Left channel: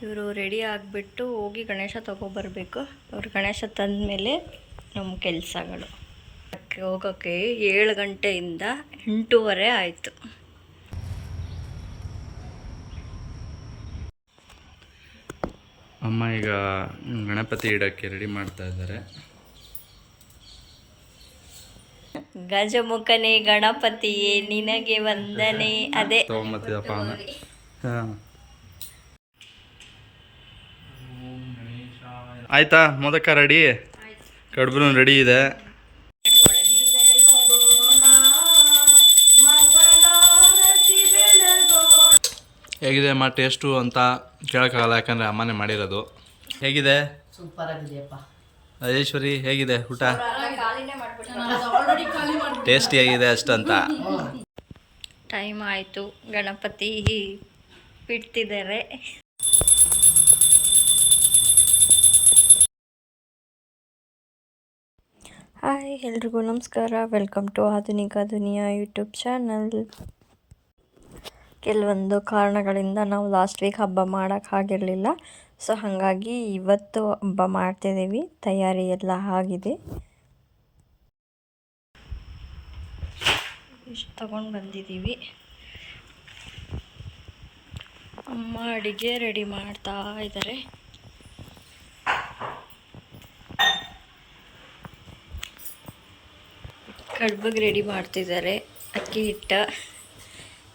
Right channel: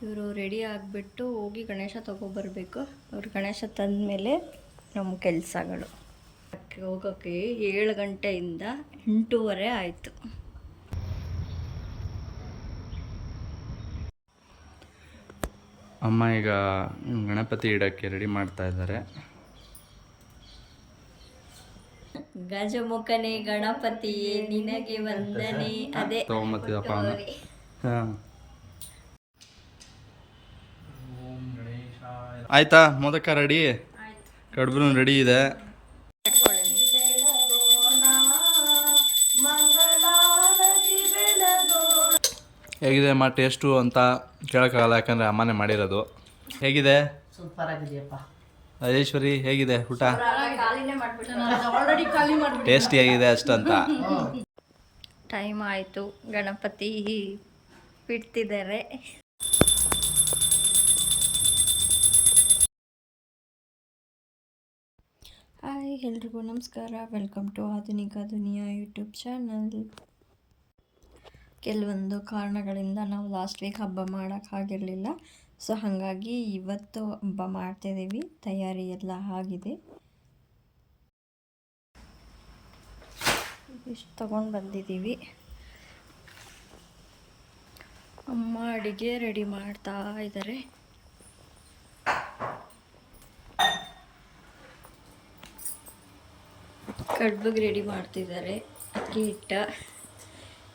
ಇವರು ರೆಡಿ ಆಗಿಬಿಟ್ಟು ಹೋಗಿ ಗಣೇಶ ತೊಗೊಬರ್ಬೇಕು. ಅವ್ರು ಗಣೇಶ ತಂದಮೇಲೆ ನಮ್ಮ ಕೆಲಸಗಳು. ಹೋಗೋಕ್ಕೆ 7 ಗಂಟೆಯಿಂದ 8:30 ಆಯಿತು. ಅಮ್ಮ ಈಗ ಗಣಪತಿ ಇಡೋಕ್ಕೆ ರೆಡಿ ಮಾಡ್ತಾ ಇದ್ದಾರೆ. ಗಜಮುಖನೇ ಗಣಪತಿಯೇ ನಿನಗೆ ವಂದನೆ. ಅದೇ ತಗೊಂಬತ್ತಿದಪ್ಪ ಹಾಂ ಆಯ್ತಾ? ಮೋದಕ ರೆಡಿ, ಕಡುಬು ರೆಡಿ ಇದೆ. ಹೇಗಿದೆ ಅಮ್ಮ ಟೇಸ್ಟು ಅಂತ ಕೇಳೋಕ್ಕಾಗಲ್ಲ, ಯಾಕಂದರೆ ಅಮ್ಮನೇ ಮಾಡಿರೋದು. ಹೇಗಿದೆ? ಸೂಪರ್ ಆಗಿದೆಯಪ್ಪ. ರಾಜೇಶ್ವರಿ ಹೇಗಿದೆ ಊಟ? ಟೇಸ್ಟಿ ಆಗಿದೆ ಅಷ್ಟಂತ. ಟೈಮ್ ಆಯಿತು, ಗಣಪತಿ ಬಿಡ್ತಿದ್ದಾರೆ. ಹಾಯ್ ಎಲ್ರಿಗೂ ನಮಸ್ಕಾರ, ವೆಲ್ಕಮ್ ಟು ಆಧುನಿಕ ದುನಿಯಾ ಯೂಟ್ಯೂಬ್ ಚಾನಲ್. ಕೆಲವೊಂದು ಕಾರಣಗಳಿಂದ ನಾವು ಲಾಸ್ಟ್ ವೀಕ್ ಹಬ್ಬ ಮಾಡೋಕ್ಕಾಗಿರಲಿಲ್ಲ. ಸೊ ಹಾಗಾಗಿ ಇವತ್ತು ಹಬ್ಬ ಮಾಡ್ತಿದ್ದೀವಿ. ತಯಾರಿ ಎಲ್ಲ ಆಗಿದೆ. ಇಷ್ಟು ತಗೊಂಡು ಬಂದಿದ್ದೀವಿ. ಅಮ್ಮ ಅಡುಗೆ ರೆಡಿ ಮಾಡ್ತಾ ಇದ್ದಾರೆ. ಕಡುಬಿಗೆ ರೆಡಿ ಮಾಡ್ತಿದ್ದಾರೆ. ಅಕ್ಕಿ ಹಿಟ್ಟ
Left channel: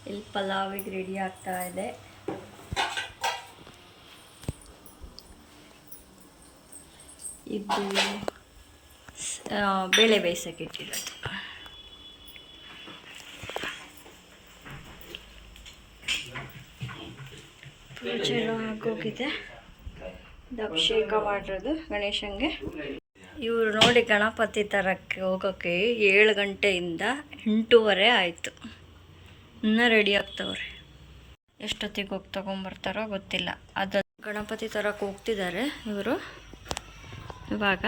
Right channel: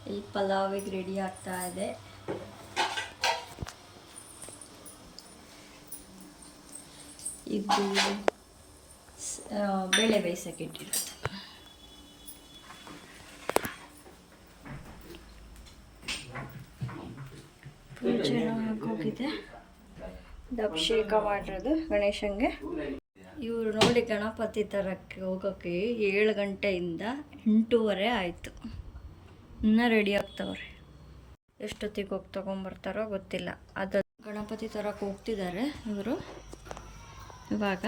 ಇಲ್ಲಿ ಪಲಾವಿಗೆ ರೆಡಿ ಆಗ್ತಾ ಇದೆ. ಇದು ಬೇಳೆ ಬೇಯಿಸೋಕೆ ಇಟ್ಟಿರೋದು. ಪೂಜೆ ಆಗೋಗಿದೆ. ಅಭಿಷೇಕ ಮಾಡಿರೋದು ಗಣೇಶಂಗೆ. ಇವರು ನೋಡಿ ಗಣಪತಿ ತರಕ್ಕೆ ಹೋಗೋಕ್ಕೆ 7 ಗಂಟೆಯಿಂದ 8:30 ಆಯಿತು. ಇನ್ನೂ ರೆಡಿ ಆಗ್ತವ್ರೆ. ಎಷ್ಟೊತ್ತಿಗೆ ಹೋಗಿ ತೊಗೊಂಬರ್ತಾರೋ ಗೊತ್ತಿಲ್ಲ. ಅದು ಗಣಪತಿ ತರಕ್ಕೆ ಹೋಗ್ತಿದ್ದಾರೆ ಇವರು ಇವಾಗ.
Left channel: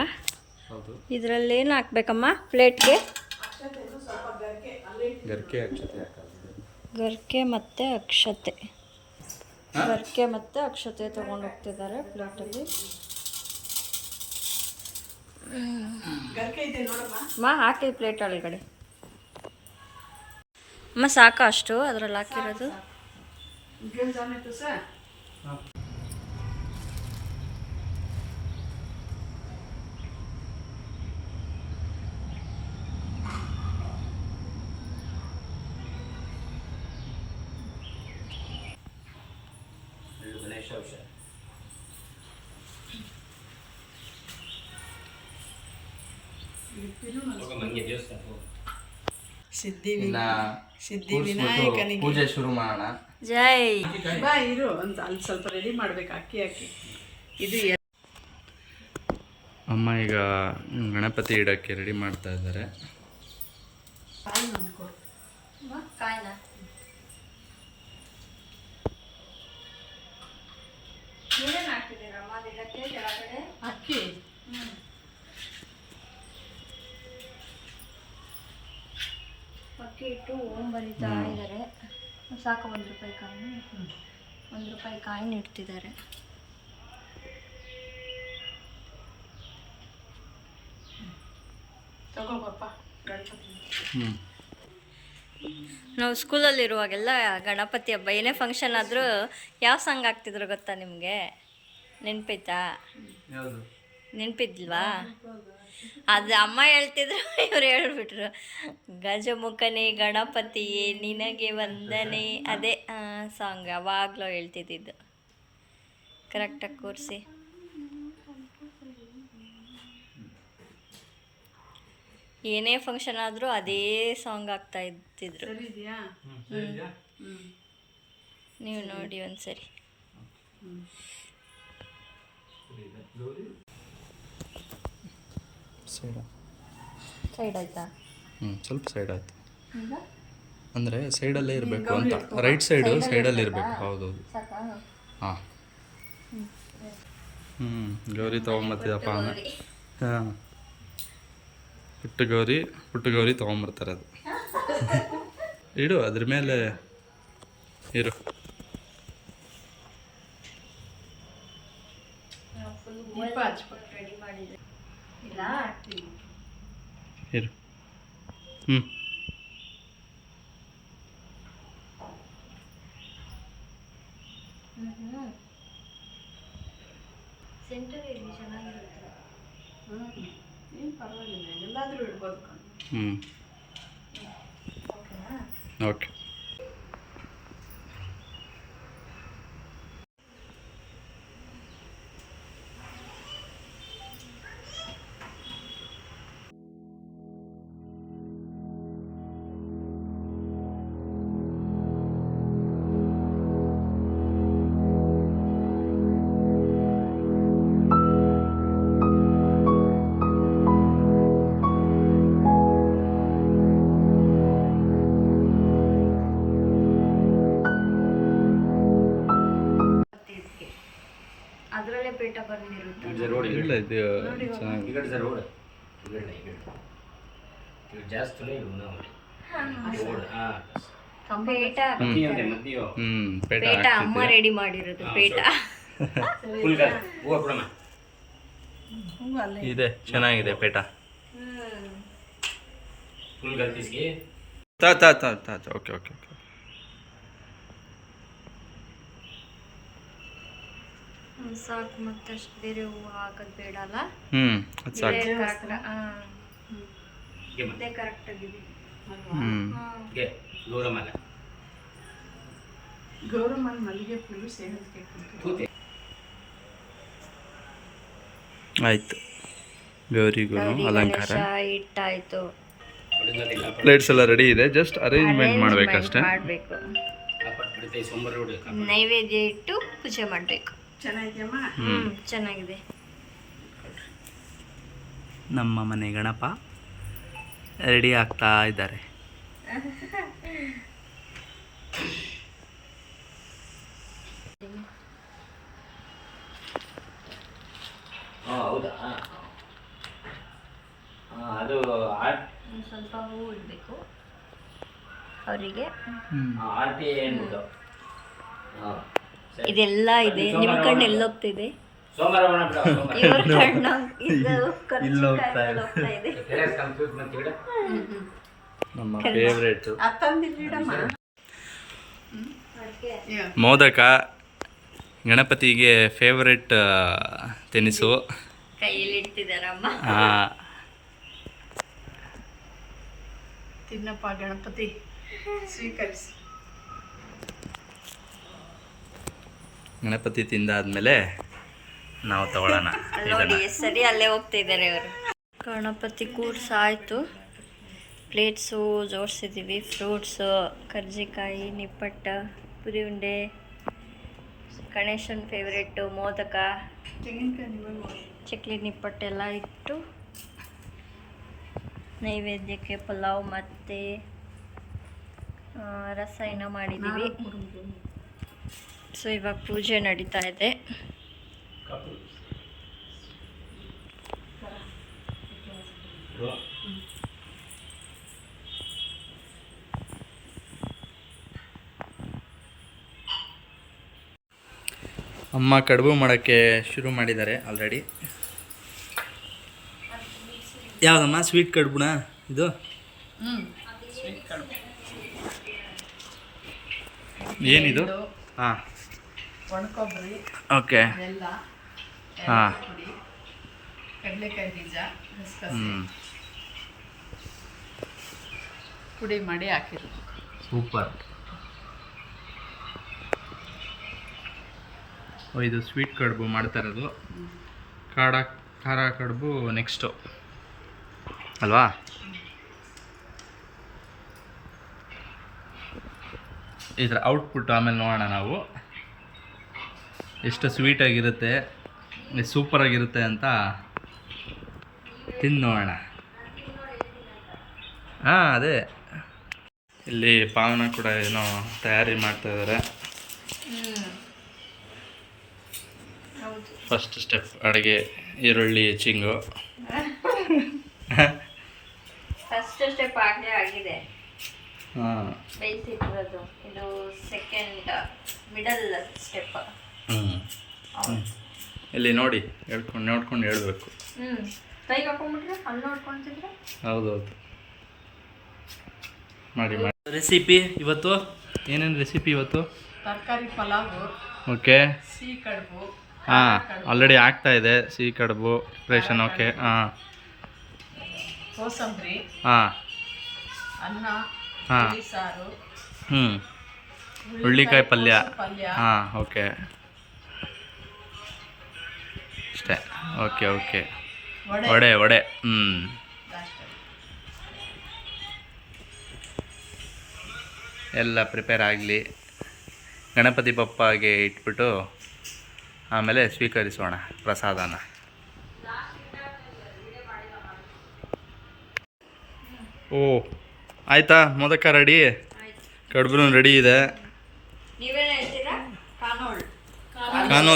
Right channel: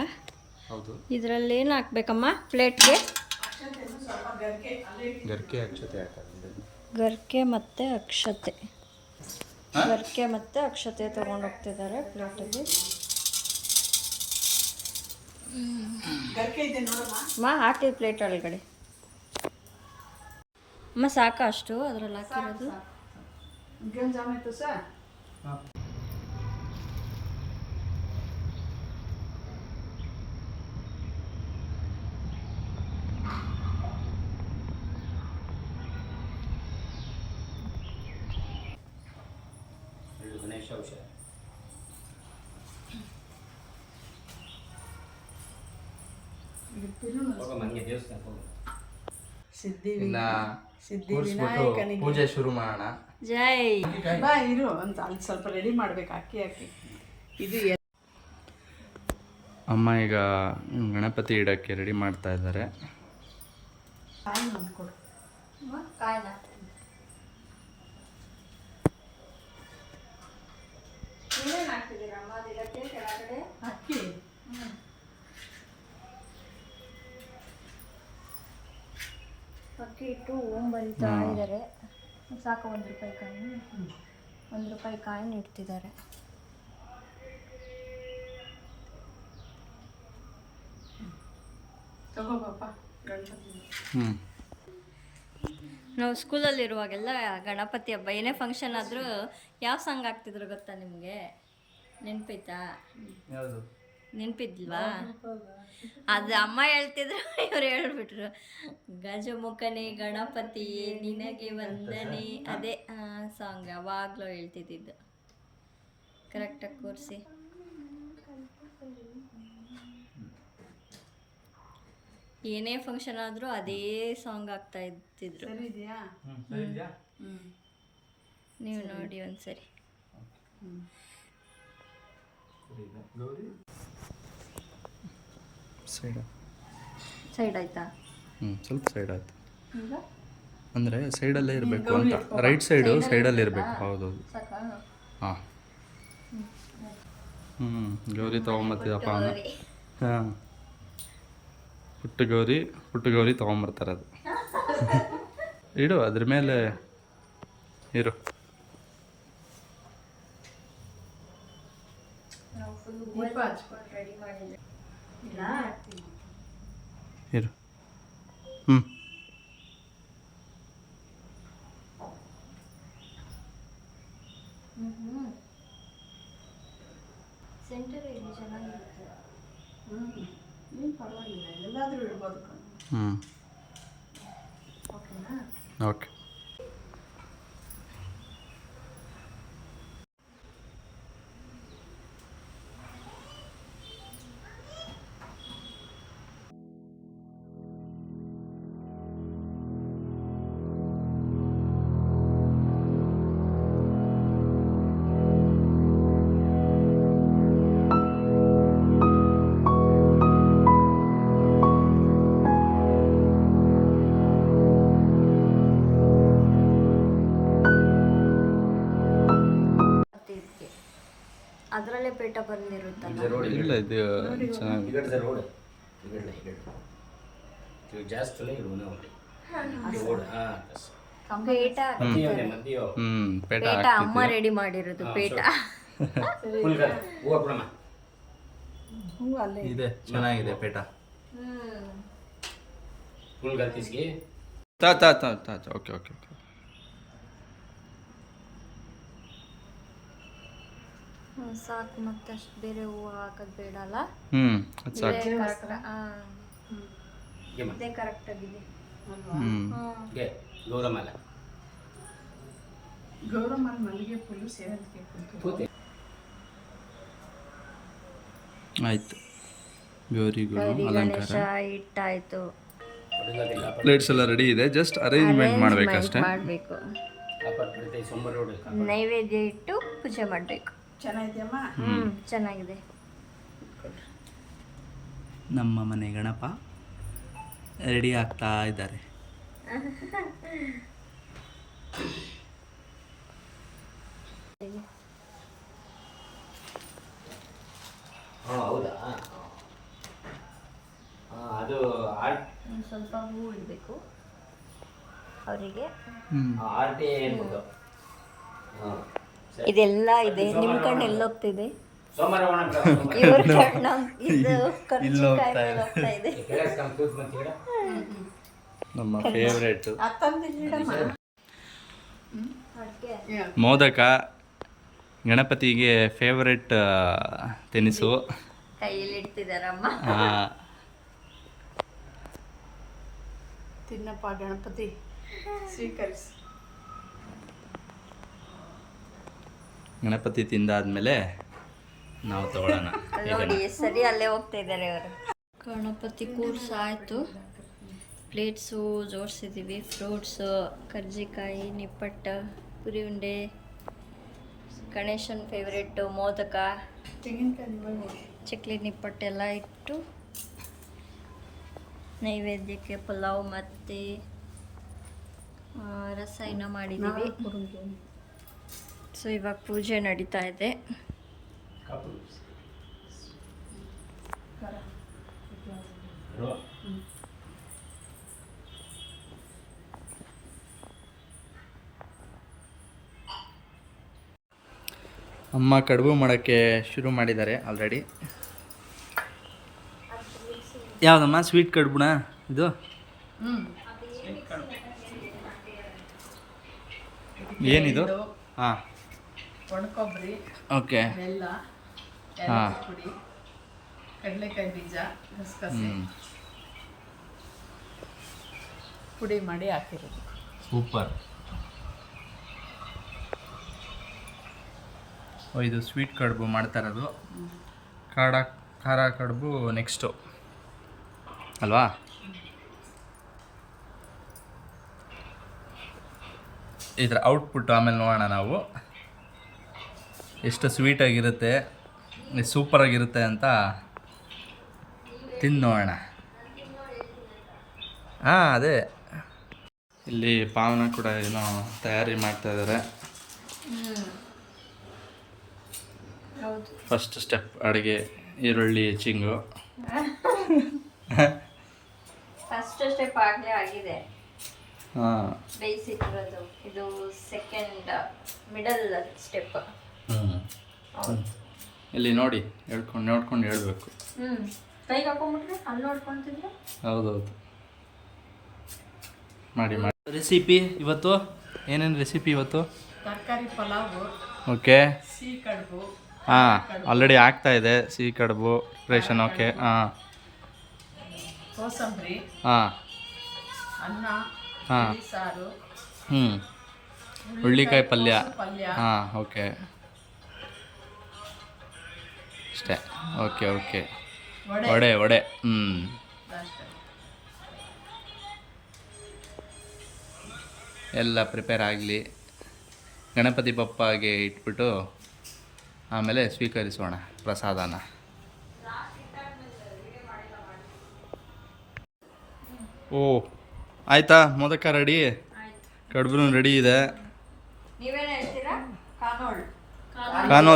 ಇದರಲ್ಲಿ ಏನು ಹಾಕ್ಬೇಕಮ್ಮ ಪ್ಲೇಟ್ಗೆ? ಗರ್ಕೆ ಮತ್ತು ಅಕ್ಷತೆ. ಗರ್ಕೆ ಮತ್ತು ಅಕ್ಷತೆ ತೊಗೊಂಡು ಹೋಗ್ತಿದ್ದಾರೆ ಪ್ಲೇಟಲ್ಲಿ. ಅಮ್ಮ ಹಾಕಿ ಪ್ಲೇಟ್ ಒಳಗಡೆ. ಅಮ್ಮ ಸಾಕು ಅಷ್ಟು ಅದರಲ್ಲಿ ಹಾಕಿರೋದು? ಪೂಜೆ ಶುರು ಮಾಡೋಣ. ಜೈ ಇರು ಅಂತ ಅಲ್ಲಿ ಸ್ವಲ್ಪ ರೆಡಿ ಮಾಡ್ಬೇಕು. ಅಕ್ಕಿ ಹಾಕಿ ಇದು ಅಮ್ಮ ಈಗ ಗಣಪತಿ ಇಡೋಕ್ಕೆ ರೆಡಿ ಮಾಡ್ತಾ ಇದ್ದಾರೆ. ಅಕ್ಕಿ ಅಕ್ಕಿ ಇಟ್ಟು ಓಂ ಬರೀತಾ ಇದ್ದಾರೆ. ಸಾಕು 1 ರೂಪಾಯಿ ಕಾಯಿನ, 1 ರೂಪಾಯಿ ಕಾಯಿನ ಇಡ್ತಿದ್ದಾರೆ. ನಾವು ಸ್ಕೂಲಲ್ಲಿರುವಾಗೆಲ್ಲ ಗಣಪತಿ ಹಬ್ಬ ಏನೇ ಫಂಕ್ಷನ್ ಆದರೂ ಯಾವ ಸಾಂಗ್ ಹಾಕ್ತಿದ್ರು ಗೊತ್ತಾ ನಿಮಗೆ? ನೆನಪೈತಾ? ನೆನಪಿದ್ಲ್ವಾ? ಅದು ಅಮ್ಮ ಹೇಳ್ತಿದ್ರು, ಇವ್ರು ಹೇಳ್ಬಿಟ್ರು. ಗಜಮುಖನೇ ಗಣಪತಿಯೇ ನಿನಗೆ ವಂದನೆ. ಅದೇ ಸಾಂಗ್ ಯಾವಾಗಲೂ ಹೇಳ್ತಿದ್ದಿದ್ದು. ಕರೆಕ್ಟಾಗಿ ಕೂರಿಸಿ. ಏನೇ ಫಂಕ್ಷನ್ ಆದರೂ ಅದೇ ಸಾಂಗ್ ಆಗ್ತಾ ಇದ್ದಿದ್ರು. ನೀವು ನೋಡಿ ಒಂದ್ಸರಿ. ಸೈಡ್ ಆಯ್ತಾ? ಸ್ವಲ್ಪ ಸೈಡ್ ಆಯ್ತು. ಅಂದರೆ ಸೈಡಲ್ಲೇ ಇರಬೇಕು ಅಂತ. ರೈಟ್ ಸೈಡಲ್ಲಿ ಇರಬೇಕು. ಹೌದೌದು. ಹಾಂ ಗೌರಿ ತೊಗೊಂಬತ್ತಿದಪ್ಪ ಅಂದರೆ ಹಾಂ ಪುಟ್ಟ ಗೌರಿ ತೊಗೊಂಬರ್ತಾರೆ. ಅದು ಇಡು, ಅದ್ರ ಮೇಲೆ ಇರು. ನಾವು ಫುಲ್ ದೀಪ ಹಚ್ಬೇಕು. ರೆಡಿ ಮಾಡಿದ್ವಿ ಇಲ್ಲ ಇರು ಹ್ಞೂ ಸೆಂಟರ್ ಇಲ್ಲಿ ಚೆನ್ನಾಗಿರುತ್ತೆ. ಏನು ಪರವಾಗಿಲ್ಲ, ಎಲ್ಲಾದರೂ ಇಡ್ಬೋದು ಕಣೆ. ಹ್ಞೂ ಓಕೆನಾ? ಓಕೆ. ಇದಕ್ಕೆ ಅದರಲ್ಲೇ ಪೇಟ ಬಂದಿರುತ್ತಲ್ಲ. ಇಲ್ಲ ಇದು ಚೆನ್ನಾಗಿ ಪೇಟ ಪೇಟ ಪೇಟ ಅಮ್ಮ ಹಾಕ್ತಿದ್ದೆ. ರೆಡಿ ಮಾಡಿರೋದು ಪೇಟ. ಹ್ಞೂ ಅಲ್ಲೇ ಇದೆ ಚೆನ್ನಾಗಿದೆ ಪೇಟ. ಫುಲ್ ಗಲ್ತಿಸ್ಗೆ ತಾ ತಾ ತಾ ತಾ ಓಕೆ ಓಕೆ ಓಕೆ. ಸಾಕು, ಮತ್ತಷ್ಟು ಬೇರೆ ಹೂವು ಹಾಕೋದು ಬೇಡ ಅಲ್ಲ. ಅದು ಸಾಕು. ಇದೇ correct. ಇದೇ ಕರೆಕ್ಟ್ ಆಗಿದೆ. ಗೆ ಗೌರಮಲ ಗೌರಮ್ಮನ ಮಲ್ಲಿಗೆ ಫುಲ್ಲು ಸೇವಂತಿಗೆ ಕುಂತು ತೂತೆ ಆಯ್ತು, ಗೌರಿಗೂ ಗೌರಿ ಅಲಂಕಾರ. ಗಣೇಶ ಇಟ್ಟಾಯ್ತು. ಹೊಡೆದಾಗಿಲ್ಲ ಪ್ಲೇಟ್ಸ್ ಎಲ್ಲ ರೆಡಿ ಇದೆ, ಜಸ್ಟ್ ಅರೇಂಜ್ಮೆಂಟ್ ಮಾಡಬೇಕಷ್ಟೇ. ಮಾಡಬೇಕು. ಅಪ್ಪಟ್ ಬಿಡುತ್ತೆ ಸೋಮವಾರ ರೋಡ್ ನೈವೇದ್ಯ ಇಟ್ಟು ಪೂಜೆ ಮಾಡಬೇಕು. ಚೆನ್ನಾಗಿದೆಯಮ್ಮ. ಚೆನ್ನಾಗಿದೆ. ನಮ್ಮ ಮನೆ ಗಣಪ ರೆಡಿ ಆಗ್ತಾ ಇದ್ದಾರೆ. ಹೌದಾ ಅದು ಆರ್ಟ್ ಸ್ವಲ್ಪ ಹೂವು ಇಡಬೇಕು ಅವರಿಗೆ. ಆರ್ಟಿ ಏನ್ಬಿಟ್ಟು ಇದೆಲ್ಲ ಇದೆ. ನಿಮ್ಮ ಕಣ್ಣು ಎಲ್ಲೋಗ್ತಿದೆ? ಸೋಮವಾರ ಇವ್ರ ಕಣ್ಣ ಇದು ಕರ್ಚಿಕಾಯಿ ಮೇಲೆ ಹೋಗ್ತಾ ಇದೆ. ಕಂಪ್ಯೂಟರ್ ಮತ್ತೆ ಗಿಡ ನಮ್ಮ ಫೇವ್ರೇಟ್ ಅತ್ತಂದಿಲ್ಲಿಡಮ್ಮ. ಅಡ್ಗೆ ಮೋದಕ ಗಣಪತಿಗೆ ಫೇವ್ರೆಟ್ ತಿನಿಸು. ಕೈಯಲ್ಲಿ ಇಡ್ತಿದಾರಮ್ಮ. ತಿನ್ನಪ್ಪ ಗಣಪತಿ, ಸ್ವೀಕರಿಸಿ. ಗಣಪತಿ ತಿಂದಾದ್ಮೇಲೆ ನಾವು ತಗೊಳ್ಳೋಣ ಅಲ್ಲಿ ನೋಡಿ ಎಷ್ಟು ಸರಿ ಅಲ್ಲೇ ಹೋಗ್ತಾ ಇದ್ದಾರೆ ಅವರು. ಗಣಪತಿ ಕೂರ್ಸಾಯ್ತು. ಪ್ಲೇಟ್ಸು ಜೋಡಿಸಿದ್ದೀವಿ. ಫ್ರೂಟ್ಸು, ಕರ್ಜಿಕಾಯಿ, ನಿಪ್ಪಟ್ಟ, ಪುರಿ ಉಂಡೆ, ಗಣೇಶನ ಫೇವ್ರೆಟ್ಟು ಮೋದಕ, ತೆಂಗಿನಕಾಯಿ ನಿಮಗೆ ಚಕ್ಲಿ, ನಿಪ್ಪಟ್ಟೆಲ್ಲ ಇಟ್ಟು ನೈವೇದ್ಯಕ್ಕೆ ಪಲಾವ್ ಮತ್ತು ರಸ ಏನೋ ಮಾಡಿದ್ದೀವಿ. ಸೊ ಇವಾಗ ಪೂಜೆ ನಡೀತಾ ಇದೆ. ಅಮ್ಮ ಕಡುಬು ಮಾಡೋಕ್ಕೆ ಶುರು ಮಾಡಿದ್ದಾರೆ ಆಲ್ರೆಡಿ. ಯಾವುದಮ್ಮ? ಸ್ವೀಟ್ ಕಡುಬುನಾ ಇದು? ಸ್ವೀಟ್ ಕಡುಬು. ಏನಿದು? ಹಾಂ ಒಣಕೊಬ್ಬರಿ, ಓಕೆ. ಬೆಲ್ಲ, ಹಾ. ಏಲಕ್ಕಿ ಪುಡಿ, ಕಡಲೆಕಾಯಿ ಬೀಜ, ಗಸಗಸೆ ಪುಡಿ ಮಾಡಿ ಹಾಕಿರೋದು. ಸೂಪರ್. ಇದು ಸ್ವೀಟ್ ಕಡುಬು ಮಾಡ್ತಾ ಇರೋದು. ಖಾರ ಕಡುಬು ನೆಕ್ಸ್ಟು ಅಲ್ವಾ? ಇದರ ಔಟ್ಪುಟ್ ಆಮೇಲೆ ನೋಡೋಣ ನಾವು ಎಷ್ಟು ಸ್ವೀಟಾಗಿರುತ್ತೆ, ಸೂಪರಾಗಿರುತ್ತೆ ಅಂತ ತಿಂದು ನೋಡೋಣ. ಹಾಂ, ಅದೇ ಇಲ್ಲಿ ಪಾವನ ಕೂಡ ಏನೋ ತಯಾರಿ ಮಾಡ್ತಾ ಇದ್ದಾರೆ. ಹೌದು. ಫಸ್ಟ್ ಸ್ಟೆಪ್ ಅಡುಗೆ, ಈರುಳ್ಳಿ ಹೆಚ್ಚಿಂಗು. ಫಸ್ಟ್ ಸ್ಟೆಪ್ ಆಗಲೇ ಆಗಿದೆ, ಹಾಂ. ಬೇಯಿಸಿಟ್ಟಿರೋದು. ಇದು ಸೆಕೆಂಡ್ ಮಿಡಲ್ ಸ್ಟೆಪ್. ಇಲ್ಲಿ ನೋಡಿ ನೋಡ್ಕೊಂಡು ಹೇಳ್ಬೇಕು. ಕೈಗೆ ಹಾಕೊಂಡ್ಬಿಟ್ರೆ ಅಲ್ಲಿ ನೋಡ್ಕೊಂತಿದ್ರೆ. ಹೌದೌದು, ಮಾಡಿ. ರೆಸಿಪಿ ಇವತ್ತು ಏನೇನು ರೆಸಿಪಿ ಇವತ್ತು? ತರಕಾರಿ ಪಲಾವು, ಓಕೆ. ಸಿಹಿ ಕಡುಬು. ಹಾಂ, ಆಲ್ರೆಡಿ ಆಗ್ತಾ ಇದೆ ಸಿಹಿ ಕಡುಬು ಪ್ರಿಪ್ರೇಷನ್. ಓಕೆ. ಹಾಂ, ಕೋಸಂಬರಿ, ಹಾಂ, ಅನ್ನ, ಹಾಂ, ಹುಳಿ ಸಾರು, ಹುಳ್ಳಿಕಾಯಿ ಪಲ್ಯ. ಪಲ್ಯ. ಹಾಂ, ಓಕೆ, ಅಷ್ಟೇ. ಓಕೆ. ವಡೆ. ಅಷ್ಟೇ. ಎಲ್ಲ ಪ್ರಿಪೇರ್ ಆಗಲಿ. ಗಣಪತಿ ಬಪ್ಪಗೆ ಇಟ್ಬಿಟ್ಟು ಆಮೇಲೆ ಸ್ವೀಕರಿಸೋಣ ಪ್ರಸಾದನ. ಓ ಆಯಿತಾ, ಮೋದಕ ರೆಡಿ, ಕಡುಬು ರೆಡಿ ಇದೆ. ನೀವೇನು ಹೇಳ್ತೀರಾ? ಕಾನೋಲ್. ಹಾಂ,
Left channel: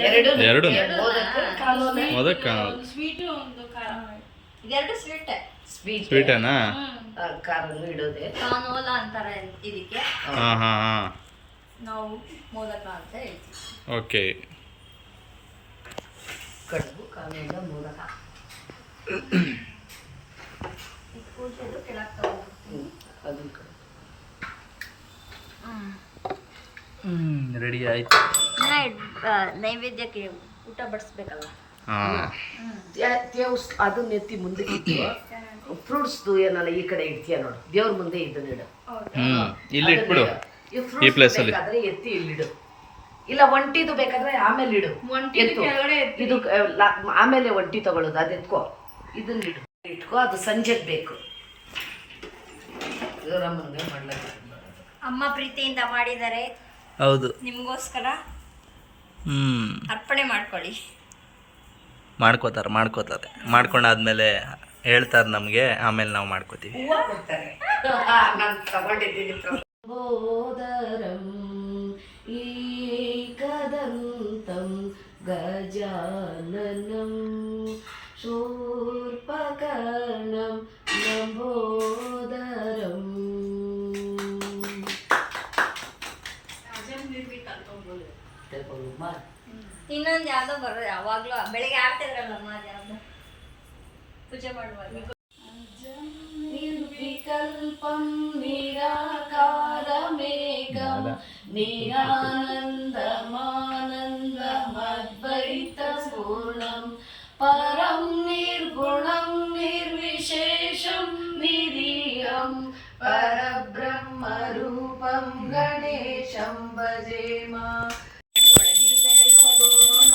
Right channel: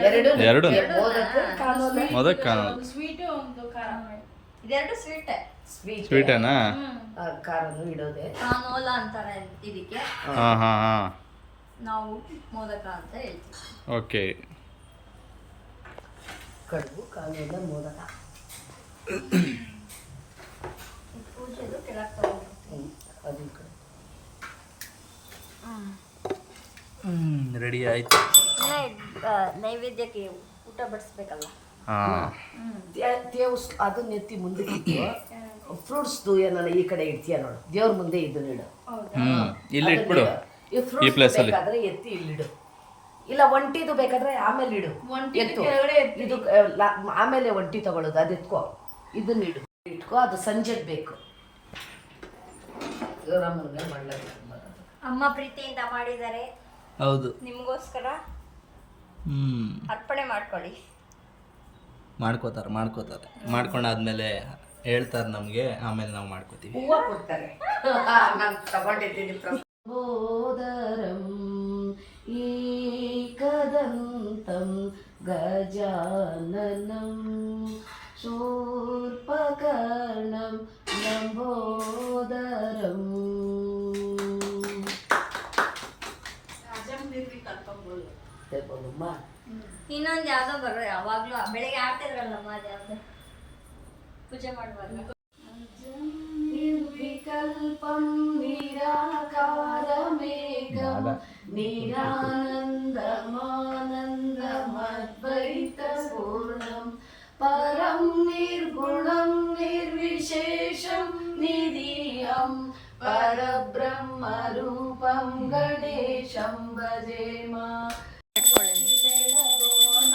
ಎರಡು ಮೋದಕ ಕಾನೋಲ್. ಇದೆರಡು ಸ್ವೀಟೇನಾ? ಕಾನೋಲ ಅಂತಾರೆ ಇದಕ್ಕೆ. ಹಾಂ. ನಾವು ಮೋದಕ ಅಂತ ಹೇಳ್ತೀವಿ. ಓಕೆ. ಪೂಜೆದು ಕೆಳಗೆ ತಗೊಂಡ್ಬರ್ತೀನಿ. ರೆಡಿ ಆಯ್ತು. ನೈವೇದ್ಯಕ್ಕೆ ಊಟ ಬಡಿಸ್ಬೇಕಲ್ಲ. ಹಾಂ, ಅದನ್ನ ಎತ್ತಿ ಮುಂದಕ್ಕೆ ಇಟ್ಟು ಫ್ರೂಟ್ಸ್ದು ಏನಲ್ಲ ಈ ಕಡೆ ಇಡ್ತೀಯ ನೋಡು, ದೇವ್ರ ಮುಂದೆ ಇದನ್ನ ಇಡು. ಇಲ್ಲಿ ಇಟ್ಬಿಡು. ಈ ಪ್ಲೇಸ್ ಅಲ್ಲಿ ಬೇಕಾದ್ರೆ ಎತ್ತಿ ಇಲ್ಲಿಡು, ಇಲ್ಲ ಒಂಟಿದು ಬೇಕಾದ್ರೆ ಆಮೇಲೆ ಇಡು. ಎತ್ತು ಇದು ಆಮೇಲೆ ಒಂಟಿ ತಗೊಳ್ಳೋದು, ಅದು ಎತ್ಕೋ, ಇದನ್ನ ಇಟ್ಕೋ. ಅದು ಸಂಜೆಗೆ ಬೇಕು. ದೇವರಮ್ಮನಿಗೆ ಮಾಡಲಾಗ ಅಮ್ಮ ಪ್ರೀತಿಯಿಂದ ಮಾಡಿದ್ದಾರೆ. ಹೌದು, ನಿಮಗೋಸ್ಕರ ಅರ್ಪಣೆ ಮಾಡ್ಕೊಳ್ಳಿ. ಮಾಡ್ಕೋತಾರೆ. ಮಾಡ್ಕೊಂಡಾದ್ಮೇಲೆ ಹೇಳ್ತಾರೆ ನಮಗೆ, ಆಮೇಲೆ ನಾವು ಮಾಡ್ಕೋತೀವಿ. ಹೂವು ಕೊಡ್ತಾರೆ. ನಾನು ತಗೊಂಡಿದ್ದೀನಿ. ಬೋದರಂ ಏಕದಂತಂ ಗಜಾನನಂ ಶೂರ್ಪಕರ್ಣಂ ಲಂಬೋದರಂ. ಇನ್ನೊಂದು ಯಾವ್ದೋ ಬರೋದು, ಯಾವಾಗ್ಲೂ ಬೆಳಿಗ್ಗೆ ಆಡ್ತಿದ್ರಲ್ಲಮ್ಮ, ಯಾವ್ದು ಪೂಜೆ ಮಾಡುವಾಗ. ನಿರ್ವಿಕಲ್ಪಂ ನಿರಾಕಾರಮೇಕಂ ನಿರಾನಂದಮಾನಂದಮದ್ವೈತಪೂರ್ಣಂ ಪರಂ ನಿರ್ಗುಣಂ ನಿರ್ವಿಶೇಷಂ ನಿರೀಹಂ ಪರಬ್ರಹ್ಮರೂಪಂ ಗಣೇಶಂ ಭಜೇಮ. ಬೆಳಗೋಣ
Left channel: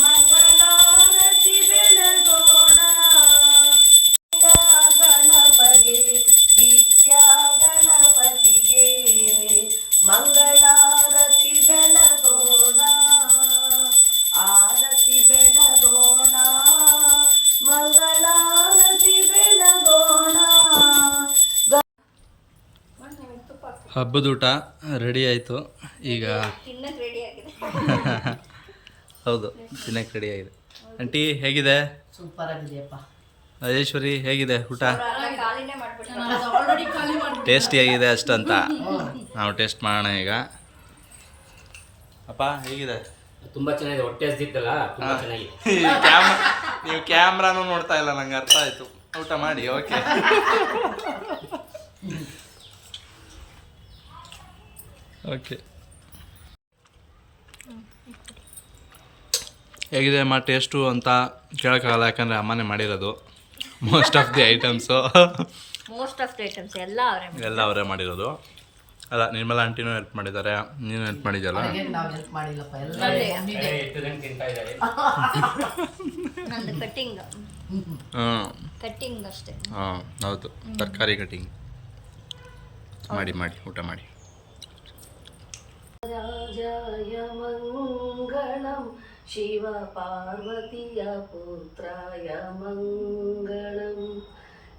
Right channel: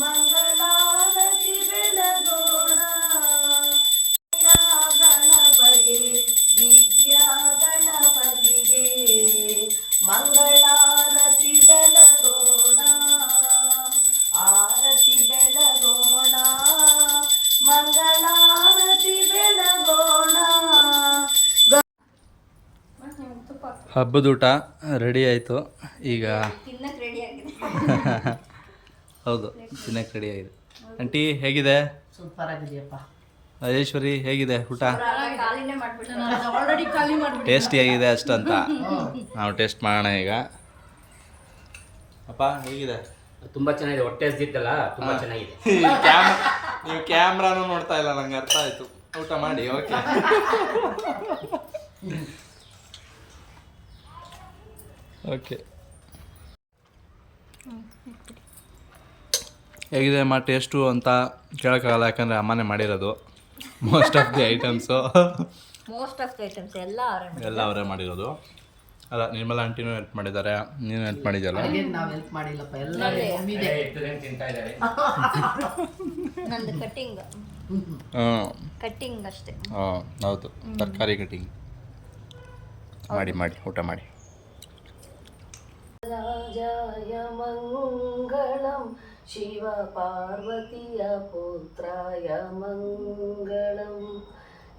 ಮಂಗಳಾರತಿ ಬೆಳಗೋಣ, ಗಣಪಗೆ ವಿದ್ಯಾ ಗಣಪತಿಗೆ ಮಂಗಳಾರತಿ ಬೆಳಗೋಣ, ಆರತಿ ಬೆಳಗೋಣ, ಮಂಗಳಾರತಿ ಬೆಳಗೋಣ. ಹಬ್ಬದೂಟ ರೆಡಿ ಆಯಿತು. ಈಗ ತಿನ್ನಕ್ಕೆ ರೆಡಿ ಆಗಿದೆ. ಹೌದು, ತಿನ್ನಕ್ಕೆ ರೆಡಿ ಆಗಿದೆ. ಆಂಟಿ ಹೇಗಿದೆ? ಸೂಪರ್ ಆಗಿದೆಯಪ್ಪ. ರಾಜೇಶ್ವರಿ ಹೇಗಿದೆ ಊಟ? ಖಾಲಿನೇ ಮಾಡ್ಬಿಟ್ಟು ಆಲ್ರೆಡಿ ಖಾಲಿ ಮಾಡಿ ಟೇಸ್ಟಿಯಾಗಿದೆ ಅಷ್ಟಂತ ನಾವು ಟೇಸ್ಟ್ ಮಾಡೋಣ ಈಗ. ಅಪ್ಪ ಹೇಗಿದೆ? ತುಂಬಾ ಚೆನ್ನಾಗಿದೆ. ಹೊಟ್ಟೆ ಹಸ್ದಿತ್ತಲ್ಲ, ತುಂಬಾ ಚೆನ್ನಾಗಿದೆ. ನೀವು ಕ್ಯಾಮ್ರಾನು ನೋಡ್ತಾ ಇಲ್ಲ, ನಂಗೆ ಅರ್ಥ ಆಯ್ತು. ಊಟ ಮಾಡಿ. ಓಕೆ. ಓಕೆ, ಹೇಗಿದೆ ಅಮ್ಮ ಟೇಸ್ಟು ಅಂತ ಕೇಳೋಕ್ಕಾಗಲ್ಲ, ಯಾಕಂದರೆ ಅಮ್ಮನೇ ಮಾಡಿರೋದು ಮೋಸ್ಟ್ ಆಫ್ ದಿ ಐಟಮ್ಸು. ಎಲ್ಲ ಅವರೇ ಮಾಡಿರೋದು. ಅಲ್ಲ, ನಿರ್ಮಲಾ ಆಂಟಿನೂ ಹೆಲ್ಪ್ ಮಾಡಿದ್ದಾರೆ, ನೀನು ಹೆಲ್ಪ್ ಮಾಡಿದ್ಯಲ್ಲ. ನಾವು ಹೆಲ್ಪ್ ಮಾಡಿಲ್ಲಪ್ಪ, ಎಲ್ಲ ತಿಂತಾ ಇದ್ದಾರೆ. ನಂದು ಕಟ್ಟಿಂಗ್ ಅಷ್ಟೇ. ಹಾಂ, ಹೌದು, ತರಕಾರಿ ಕಟಿಂಗ್ ಮಾಡಿ ಊಟ ಮಾಡಿ. ರಾಜಾಯ ಮಂಗಳಂ ಶಿವ ಪಾರ್ವತಿಯ ಪುತ್ರಾಯ ಮಂಗಳಂ,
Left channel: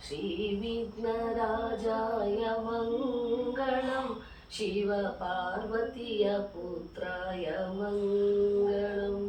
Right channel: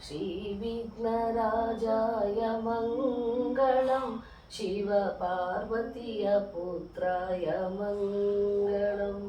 ಶ್ರೀ ವಿಘ್ನರಾಜಾಯ ಮಂಗಳಂ ಶಿವ ಪಾರ್ವತಿಯ ಪುತ್ರಾಯ ಮಂಗಳಂ.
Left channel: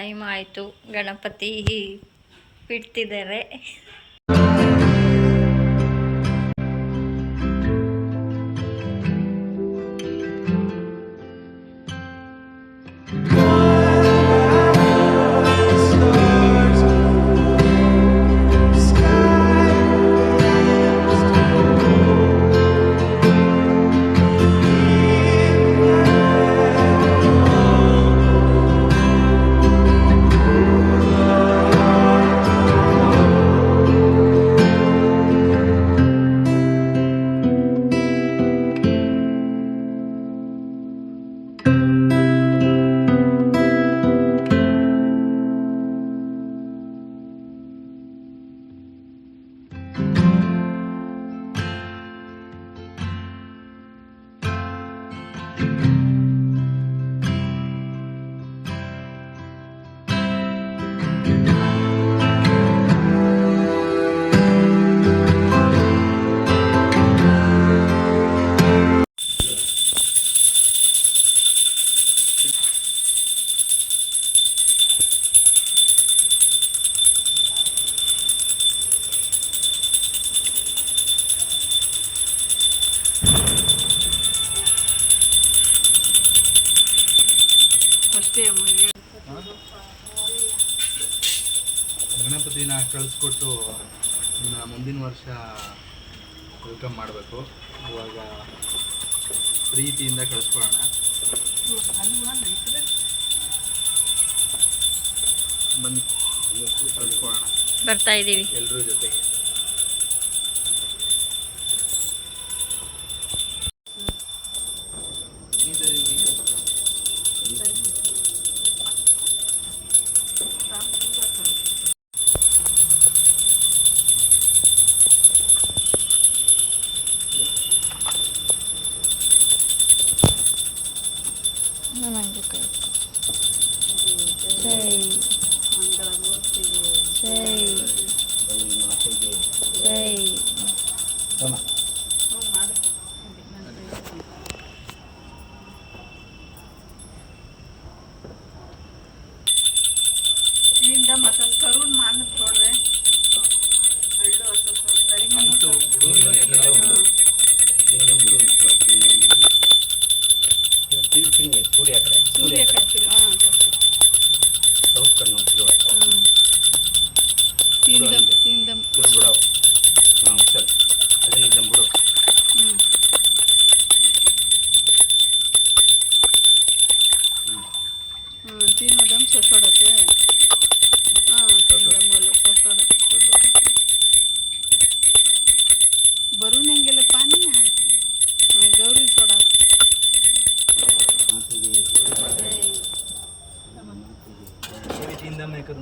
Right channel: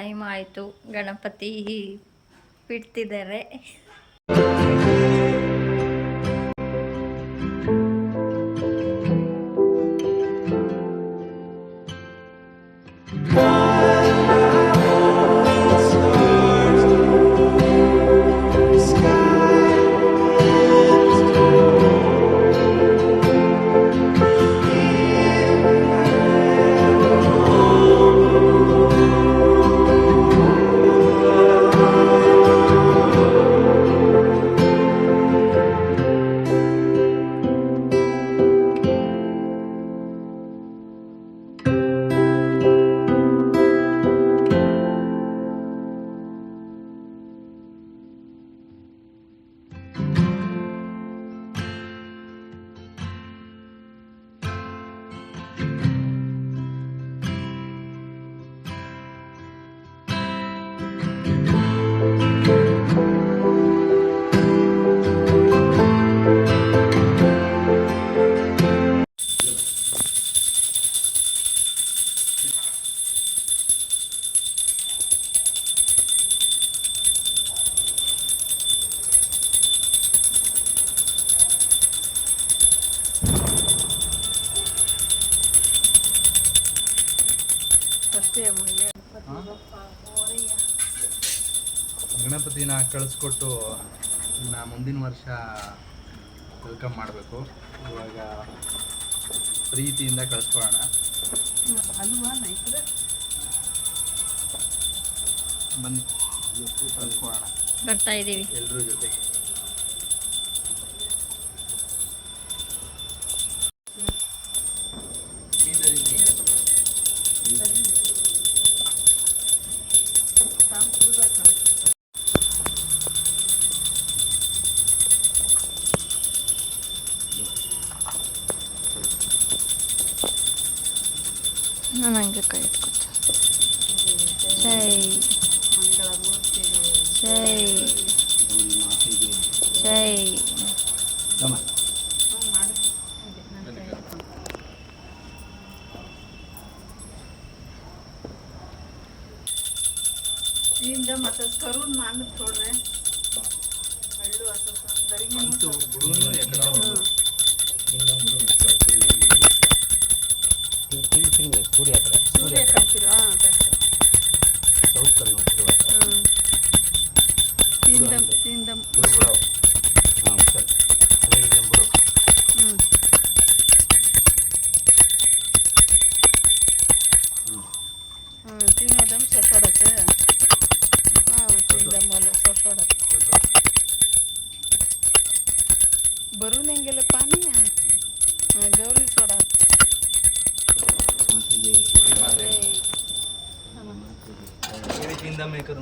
ಟೈಮ್ ಆಯಿತು, ಗಣಪತಿ ಬಿಡ್ತಿದ್ದಾರೆ. ಗಣಪತಿನ ಕಳಿಸ್ಕೊಟ್ಟು ಇನ್ನು ಮುಂದಿನ ವರ್ಷ ವೆಲ್ಕಮ್ ಮಾಡಬೇಕು. ಇವಾಗ ಪ್ರೀತಿಯಿಂದ ಕಳಿಸ್ಕೊಳ್ಳೋಣ. ಬನ್ನಿ ಕಳಿಸ್ಕೊಳ್ಳೋಣ ಬರ್ತಾ ಇದ್ದೀವಿ. ಎಲ್ಲರೂ ಜೊತೆಗೆ. ನಾನು ಹಂಗೆ ಕೈ ಎತ್ಕೊತ. ಜೈ ಜೈ ಜೈ. ಇಲ್ಲಿಂದ ಮತ್ತೆ ಕರುಣ್ ಮಾನದ್ ನೋಡ್ರೆ ಹಳ್ಳು ಸೂರ್ಯ ಕಟ್ತಿರ ಸೌತ್ ಕರ್ನಾಟಕ ತಿಂದಮ್ ಚಲ್ ಅದನ್ನ ಬಿಡು. ತಿನ್ನೋದಮ್ ಸಫಡತ್ತೆ. ತಿಂದಮ್ ಸಫಡ ಬರು ನಂಗೆಲ್ಲ ಪಾನಿ ಗೌರಿ ಸೋಡಾ ಮೇಕರ್